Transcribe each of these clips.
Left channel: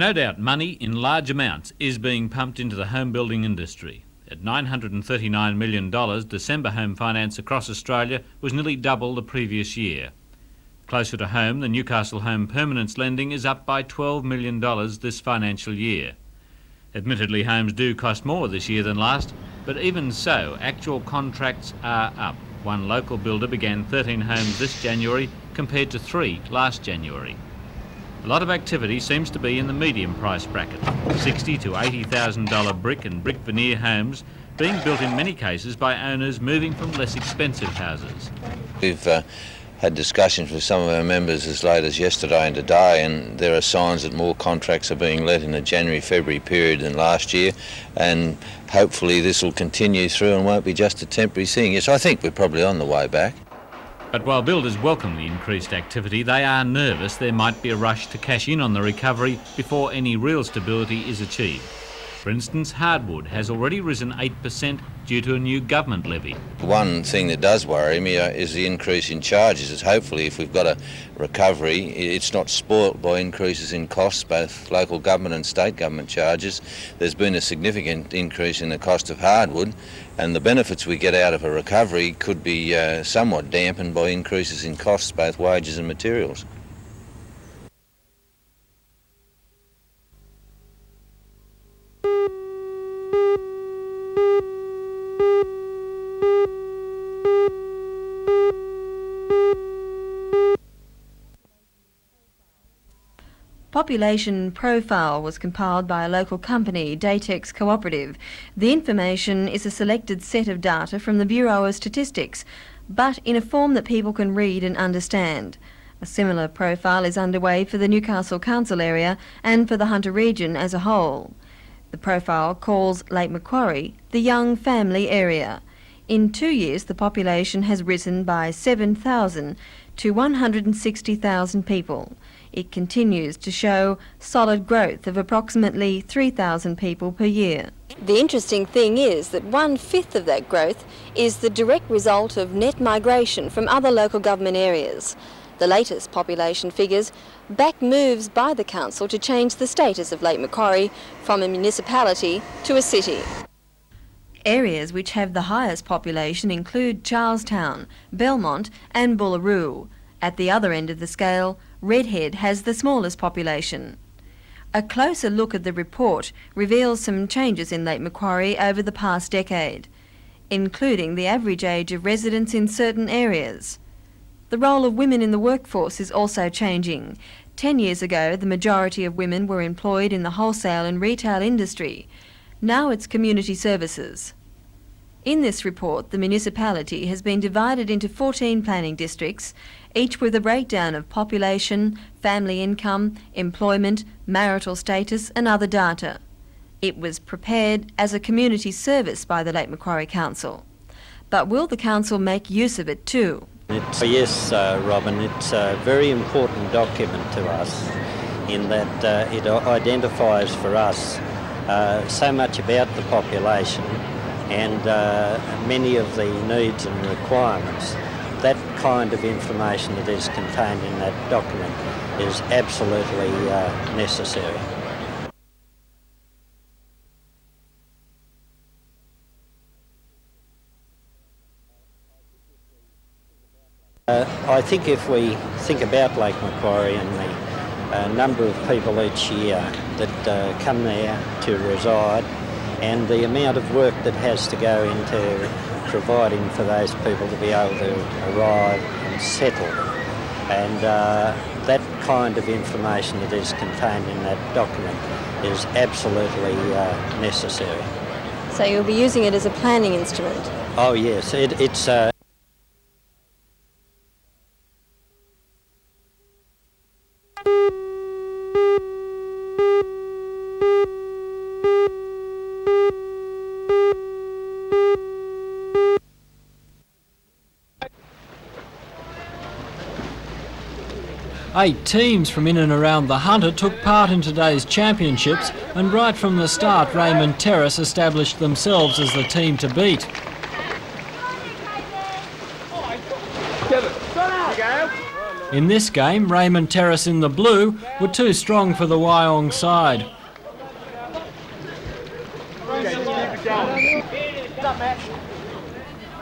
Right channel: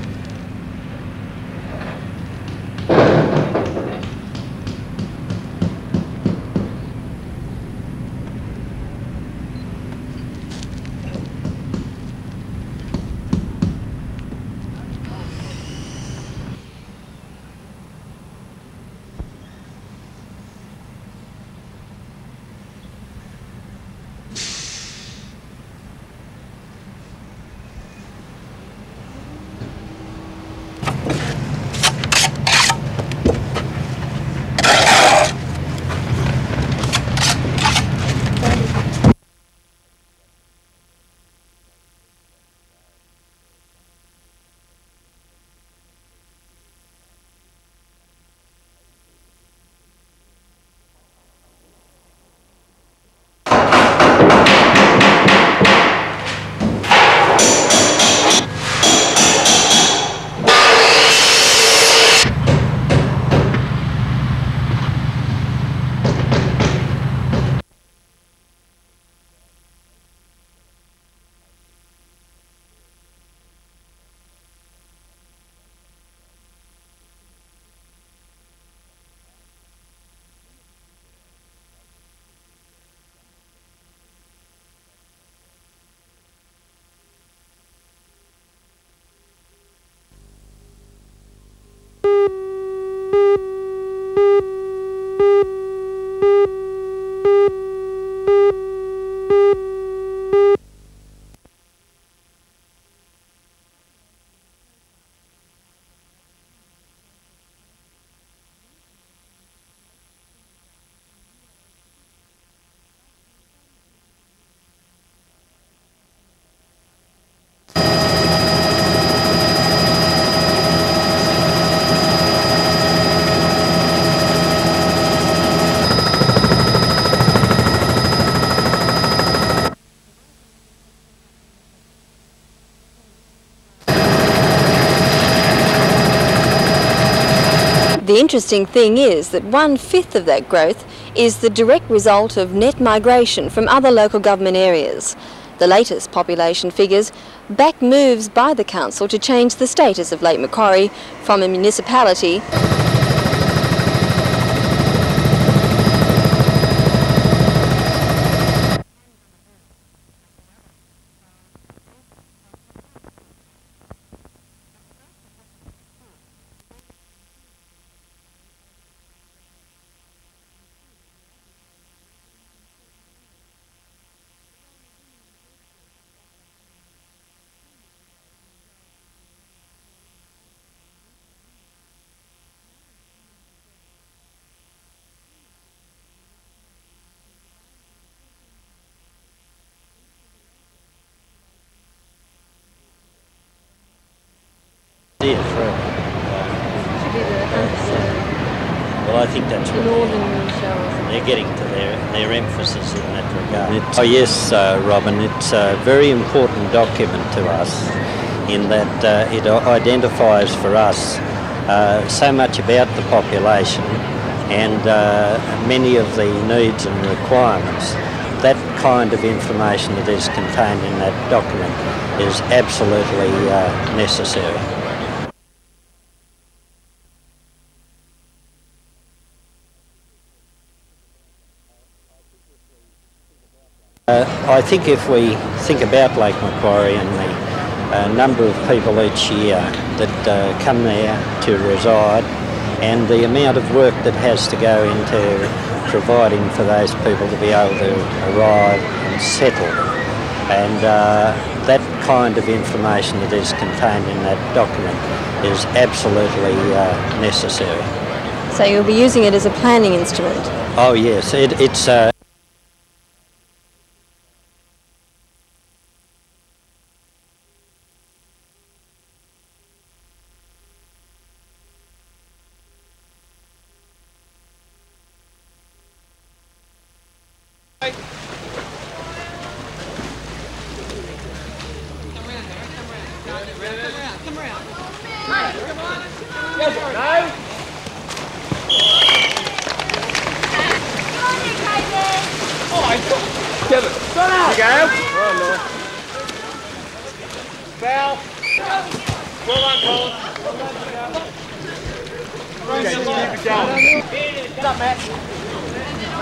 no doubt money in large amounts is being pumped into the home building industry. At $939 million, December home finance across Australia was nearly double the previous year. Closer to home, the Newcastle Home Permanence lending is up by $12 million this financial year. Admittedly, homes do cost more this year than last, but even so, actual contracts are up. One local builder began 13 homes this January compared to 3 last January. A lot of activity seems to be in the medium price bracket, $60,000 to $80,000 brick and brick veneer homes, built in many cases by owners moving to less expensive homes. We've had discussions with some of our members as late as yesterday and today, and there are signs that more contracts are being let in the January-February period than last year, and hopefully this will continue through and won't be just a temporary thing. Yes, I think we're probably on the way back. They are nervous when cash in on the recovery without any real security. For instance, hardwood has already risen 8% due to a new government levy. One thing that does worry me is the increase in charges. Is hopefully if we've got a recovery, it's not spoilt by increases in costs, both local government and state government charges. There's been a significant increase in the cost of hardwood, and the benefits we get out of a recovery could be somewhat dampened by increases in costs, both wages and materials. Population profile was compiled by a local company, Datex Cooperative. The information is a selected set of data from the Bureau of Statistics, but in a form that people can read and understand. A similar profile is underway for the Newcastle Council area and for the Hunter region as a whole. The profile calls Lake Macquarie a young family area. In 2 years, the population has risen by 7,000 to 160,000 people. It continues to show solid growth, approximately 3,000 a year. The interesting thing is that 1/5 of that growth is the direct result of net migration from other local government areas. The latest population figures back moves by the council to change the status of Lake Macquarie from a municipality to a city. Areas which have the highest population include Charlestown, Belmont and Bullaroo. At the other end of the scale, Redhead has the smallest population. A closer look at the report reveals some changes in Lake Macquarie over the past decade, including the average age of residents in certain areas. The role of women in the workforce is also changing. 10 years ago, the majority of women were employed in the wholesale and retail industry. Now it's community services. In this report, the municipality has been divided into 14 planning districts, each with a breakdown of population, family income, employment, marital status and other data. It was prepared as a community service by the Lake Macquarie Council. But will the council make use of it too? Oh yes, Robin, it's a very important document to us in that it identifies for us so much about the population and many of the needs and requirements. That kind of information that is contained in that document is absolutely necessary. I think if we think about Lake Macquarie and the number of people each year that come there to reside and the amount of work that has to go into providing for those people to be able to arrive and settle, and that kind of information that is contained in that document is absolutely necessary. So you'll be using it as a planning instrument? Oh yes, it's Eight teams from in and around the Hunter took part in today's championships, and right from the start Raymond Torres established themselves as the team to beat. Get it. Run out. In this game, Raymond Terrace in the blue were too strong for the Wyong side.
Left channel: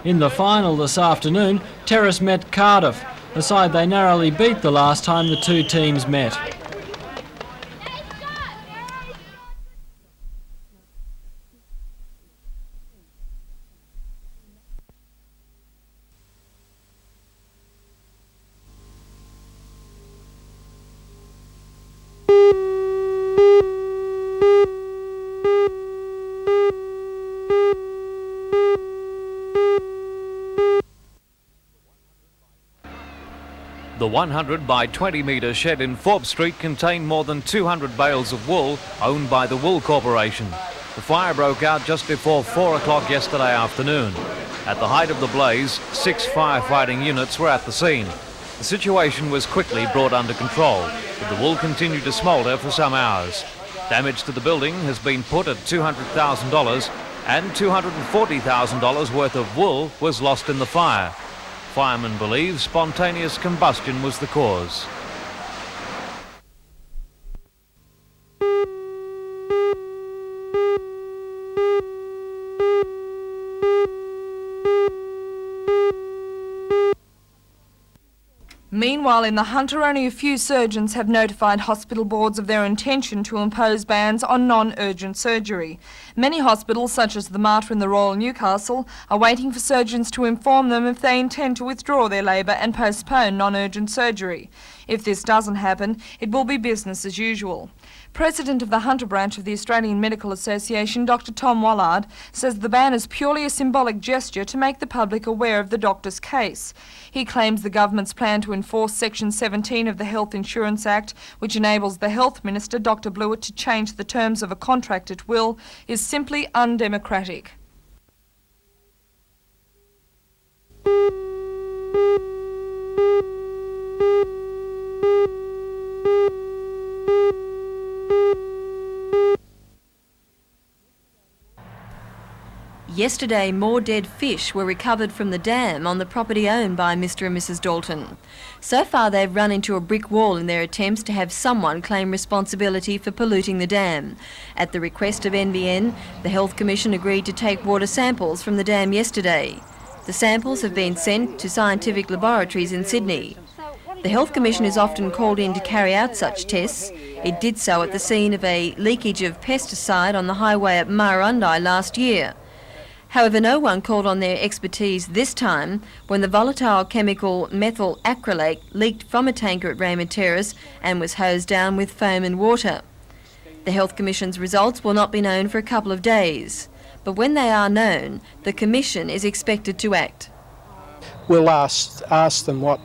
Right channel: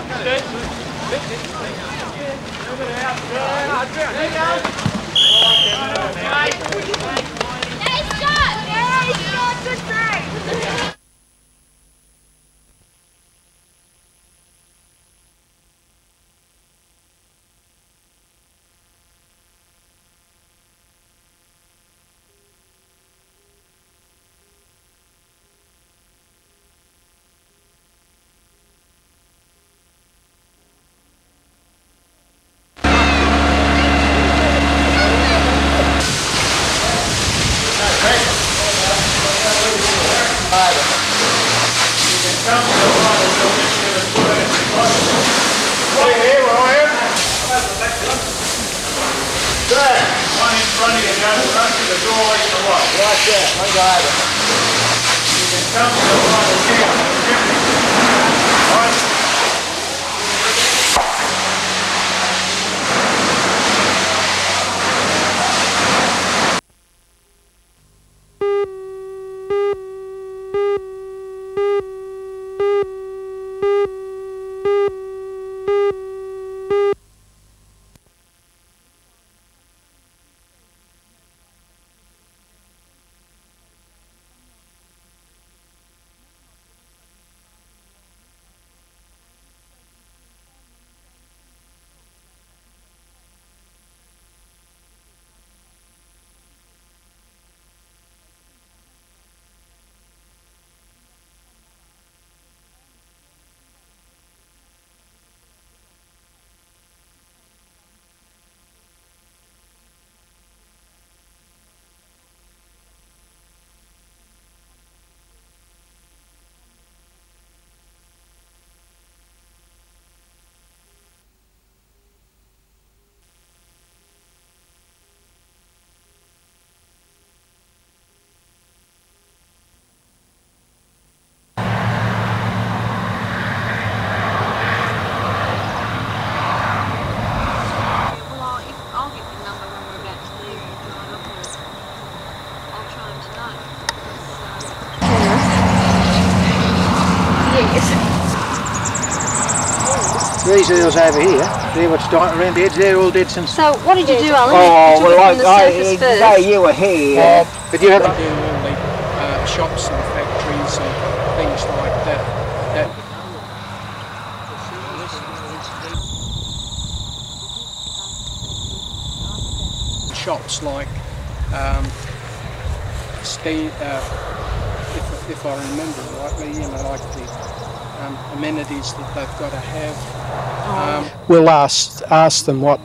In the final this afternoon, Terrace met Cardiff, the side they narrowly beat the last time the two teams met. Street contained more than 200 bales of wool owned by the Wool Corporation. The fire broke out just before 4 o'clock yesterday afternoon. The height of the blaze, 6 firefighting units were at the scene. The situation was quickly brought under control. Wool continued to smolder for some hours. Damage to the building has been put at $200,000. $240,000 worth of wool was lost in the fire. Firemen believe spontaneous combustion was the cause. Meanwhile, in the Hunter, only a few surgeons have notified hospital boards of their intention to impose bans on non-urgent surgery. Many hospitals, such as the Mater and the Royal Newcastle, are waiting for surgeons to inform them if they intend to withdraw their labour and postpone non-urgent surgery. If this doesn't happen, it will be business as usual. President of the Hunter branch of the Australian Medical Association, Dr. Tom Wallard, says the ban is purely a symbolic gesture to make the public aware of the doctor's case. He claims the government's plan to enforce Section 17 of the Health Insurance Act, which enables the Health Minister, Dr. Blewett, to change the terms of a contract at will, is simply undemocratic. Yesterday, more dead fish were recovered from the dam on the property owned by Mr. and Mrs. Dalton. So far, they've run into a brick wall in their attempts to have someone claim responsibility for polluting the dam. At the request of NBN, the Health Commission agreed to take water samples from the dam yesterday. The samples have been sent to scientific laboratories in Sydney. So, what did you do, Alan? You were here. They did so at the scene of a leakage of pesticide on the highway at Murrurundi last year. However, no one called on their expertise this time when the volatile chemical methyl acrylate leaked from a tanker at Raymond Terrace and was hosed down with foam and water. The Health Commission's results will not be known for a couple of days, but when they are known, the Commission is expected to act. We'll ask them what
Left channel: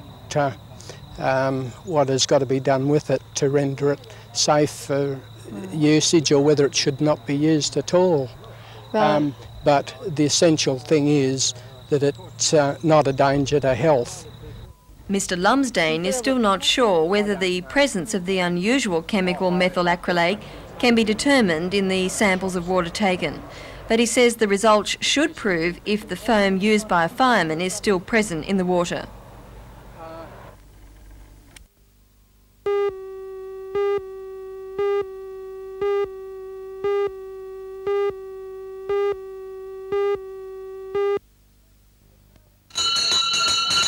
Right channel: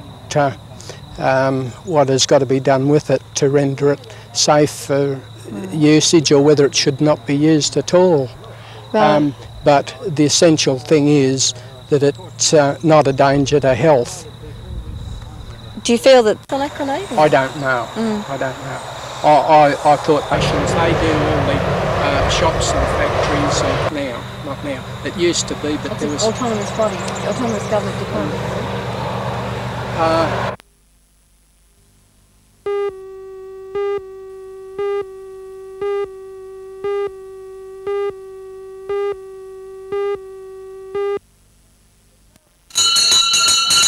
has got to be done with it to render it safe for usage, or whether it should not be used at all. Right. But the essential thing is that it's not a danger to health. Mr. Lumsdane Do you is feel still that- not sure whether the presence of the unusual chemical methyl acrylate can be determined in the samples of water taken. But he says the results should prove if the foam used by a fireman is still present in the water.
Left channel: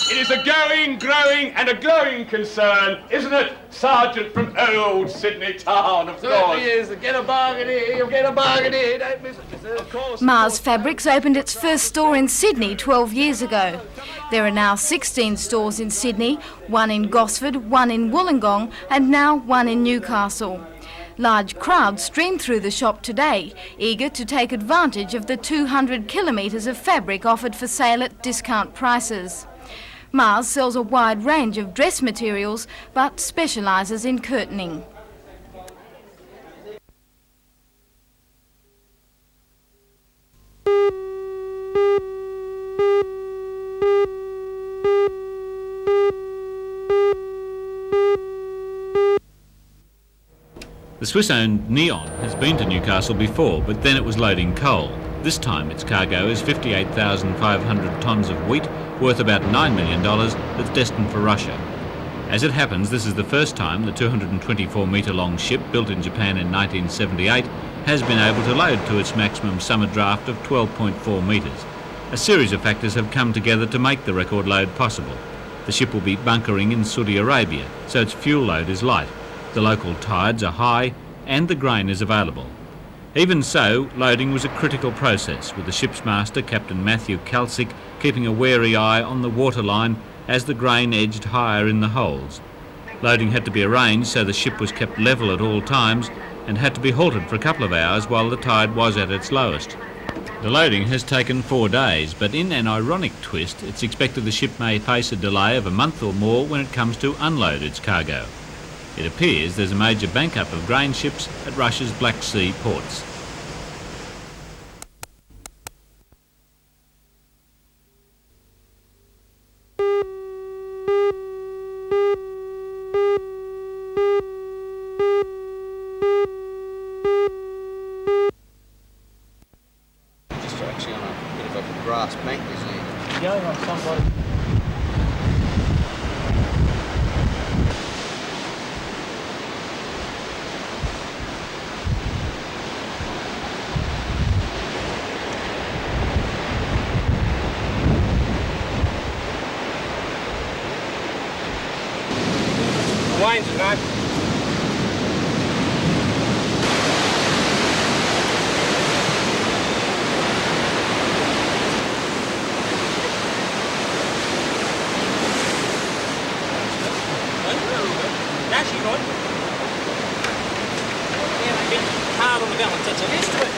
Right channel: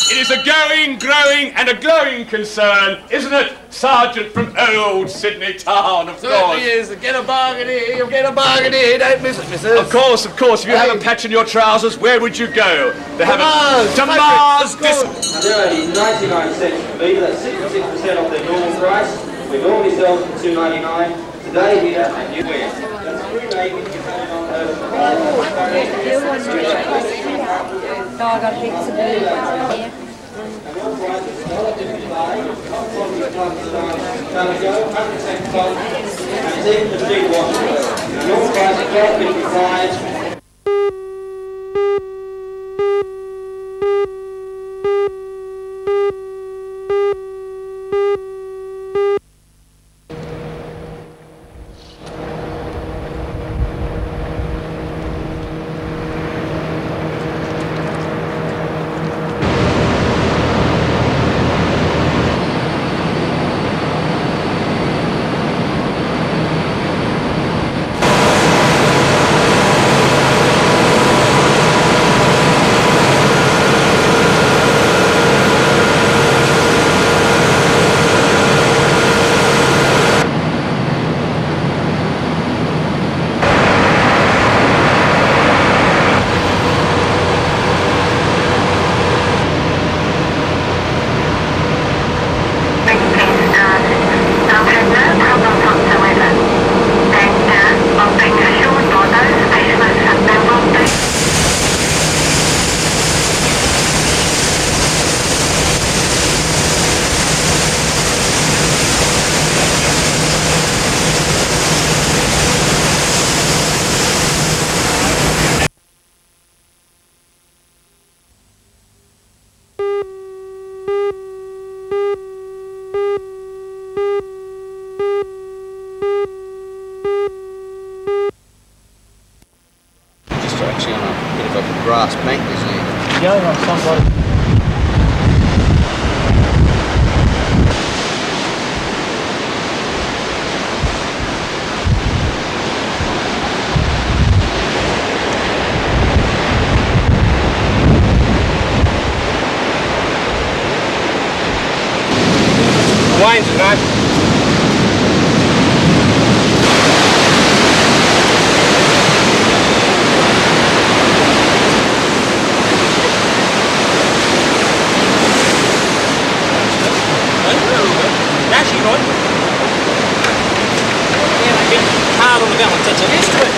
It is a going, growing and a glowing concern, isn't it, Sergeant from old Sydney town, of course? Certainly is. Get a bargain here, you'll get a bargain here, don't miss it, missus. Of course, if you have a patch in your trousers, where would you go? There are Mars! 16 stores in Sydney, one in Gosford, one in Wollongong, and now one in Newcastle. Large crowds streamed through the shop today, eager to take advantage of the 200 kilometres of fabric offered for sale at discount prices. Mars sells a wide range of dress materials, but specialises in curtains. The Swiss-owned Neon has been to Newcastle before, but then it was loading coal. This time its cargo is 58,500 tonnes of wheat, worth about $9 million, destined for Russia. As it Wayne's, you know. Actually, right? Yeah, a bit hard on the balance, that's it. Used to it.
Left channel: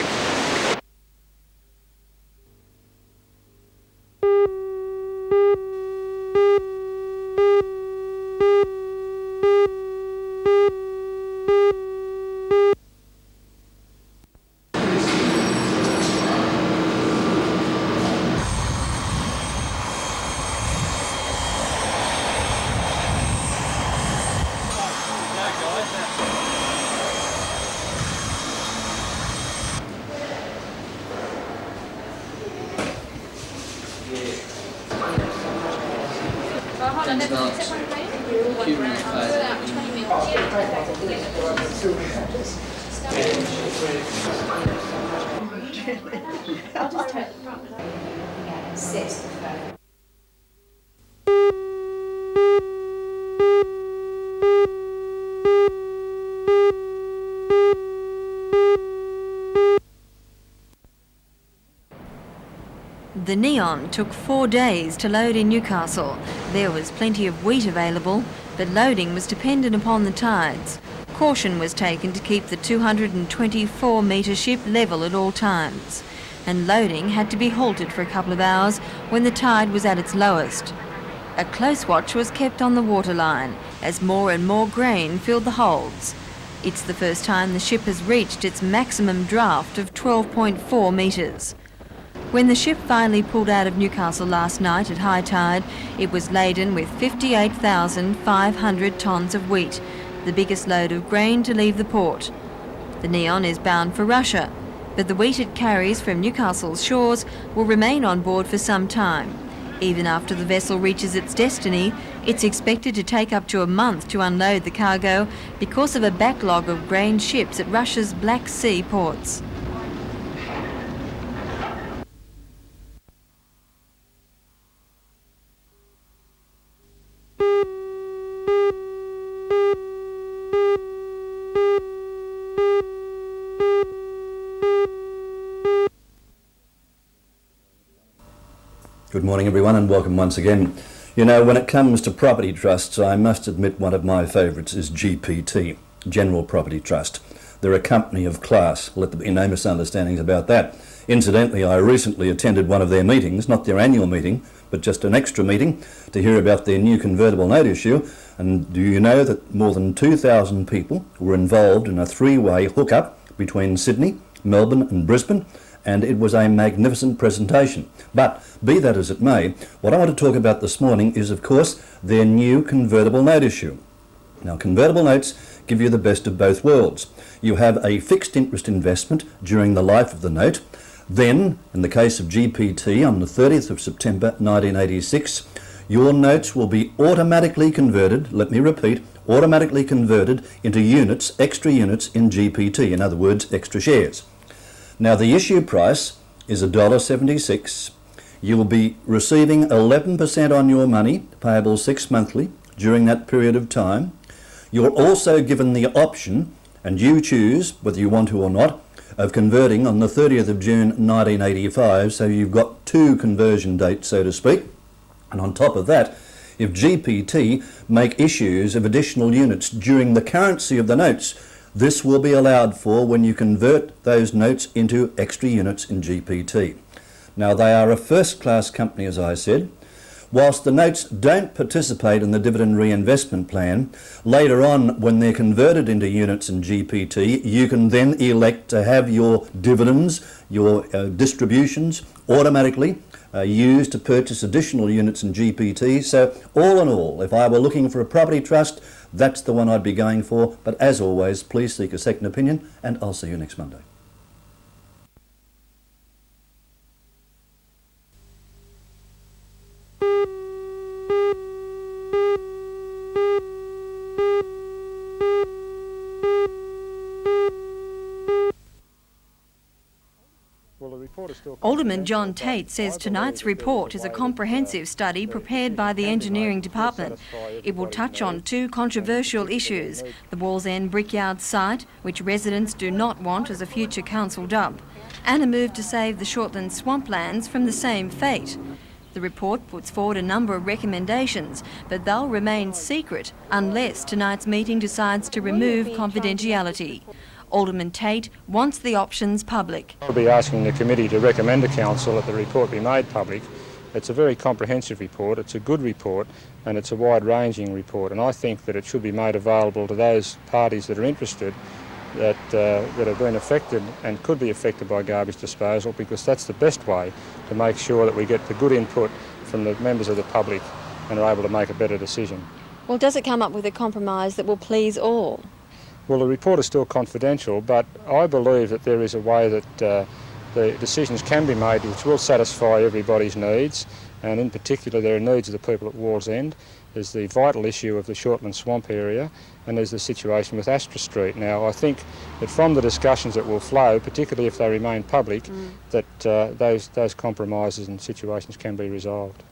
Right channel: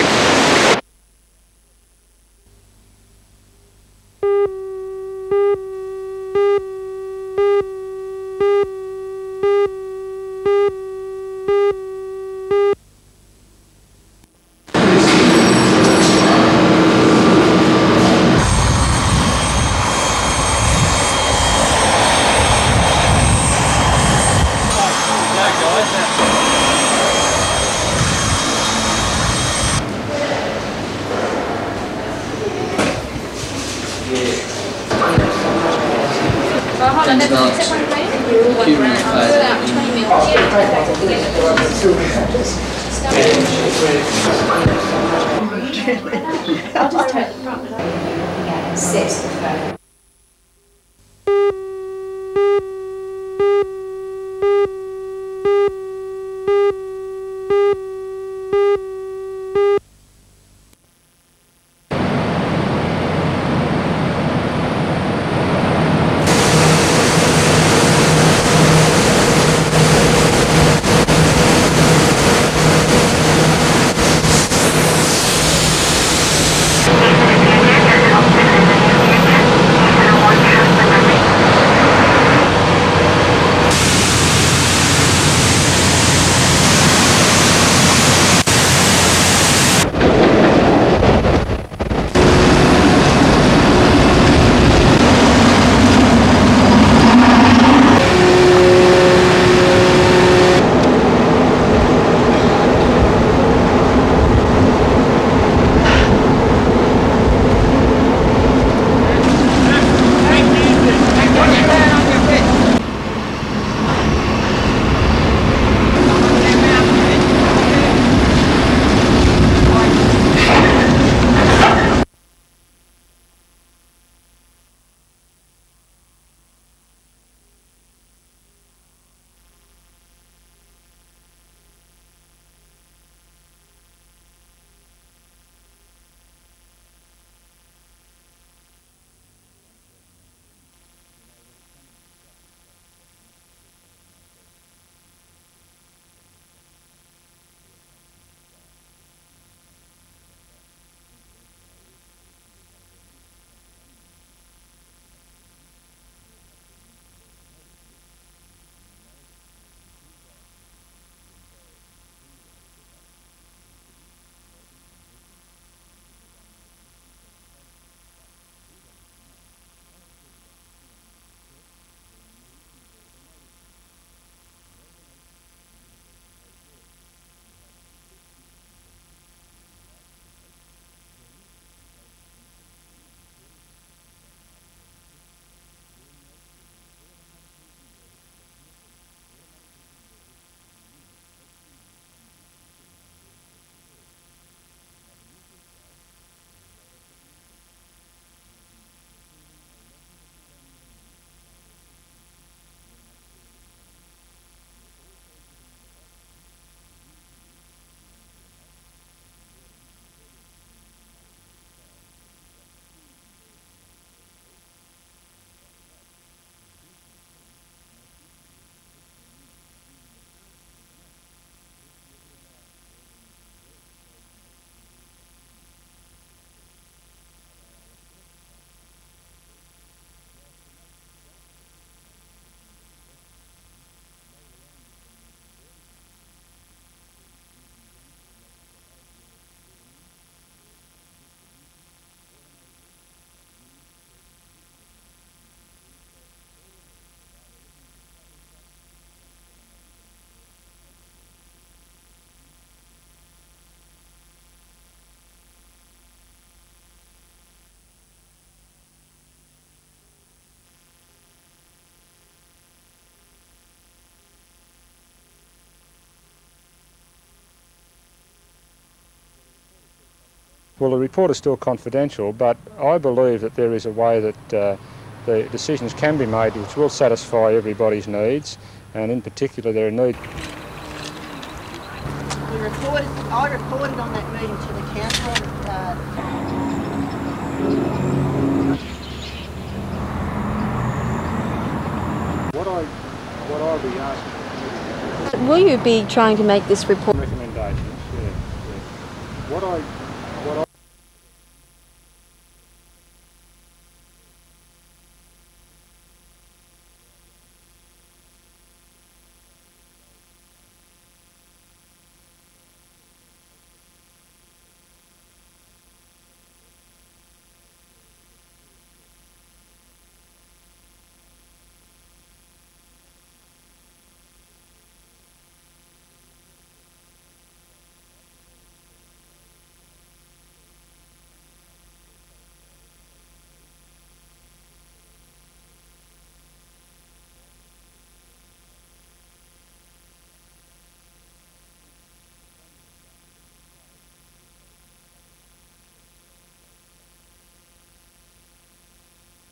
Good morning everyone and welcome once again. You know, when it comes to property trusts, I must admit one of my favourites is GPT, General Property Trust. They're a company of class, let there be no misunderstandings about that. Incidentally, I recently attended one of their meetings, not their annual meeting, but just an extra meeting to hear about their new convertible note issue. And do you know that more than 2,000 people were involved in a three-way hookup between Sydney, Melbourne and Brisbane? And it was a magnificent presentation. But be that as it may, what I want to talk about this morning is, of course, their new convertible note issue. Now, convertible notes give you the best of both worlds. You have a fixed interest investment during the life of the note. Then, in the case of GPT, on the 30th of September 1986, your notes will be automatically converted, let me repeat, automatically converted into units, extra units in GPT, in other words, extra shares. Now, the issue price is $1.76. You will be receiving 11% on your money, payable 6 monthly, during that period of time. You're also given the option, and you choose whether you want to or not, of converting on the 30th of June 1985, so you've got two conversion dates, so to speak. And on top of that, if GPT make issues of additional units during the currency of the notes, this will be allowed for when you convert those notes into extra units in GPT. Now, they are a first-class company, as I said. Whilst the notes don't participate in the dividend reinvestment plan, later on, when they're converted into units in GPT, you can then elect to have your dividends, your distributions, automatically used to purchase additional units in GPT. So, all in all, if I were looking for a property trust, that's the one I'd be going for. But as always, please seek a second opinion, and I'll see you next Monday. Well, Well, the report is still Alderman confidential, John but Tate I says believe tonight's that there is report a is way a that comprehensive study the prepared decisions by the can be made engineering which will department. satisfy It will everybody's touch on needs, two and in controversial particular their issues: need. the Walls End Brickyard site, which residents do not want as a future council dump, and the move to save the Shortland swamplands from the same fate. The report puts forward a number of recommendations, but they'll remain secret unless tonight's meeting decides to Will you remove be trying to make this confidentiality. report? Alderman Tate wants the options public. We'll be asking the committee to recommend to council that the report be made public. It's a very comprehensive report, it's a good report, and it's a wide-ranging report, and I think that it should be made available to those parties that are interested that have been affected and could be affected by garbage disposal, because that's the best way to make sure that we get the good input from the members of the public and are able to make a better decision. Well, does it come up with a compromise that will please all? Well, the report is still confidential, but I believe that there is a way that the decisions can be made which will satisfy everybody's needs, and in particular there are needs of the people at Walls End. There's the vital issue of the Shortland swamp area, and there's the situation with Astra Street. Now, I think that from the discussions that will flow, particularly if they remain public, that those compromises and situations can be resolved.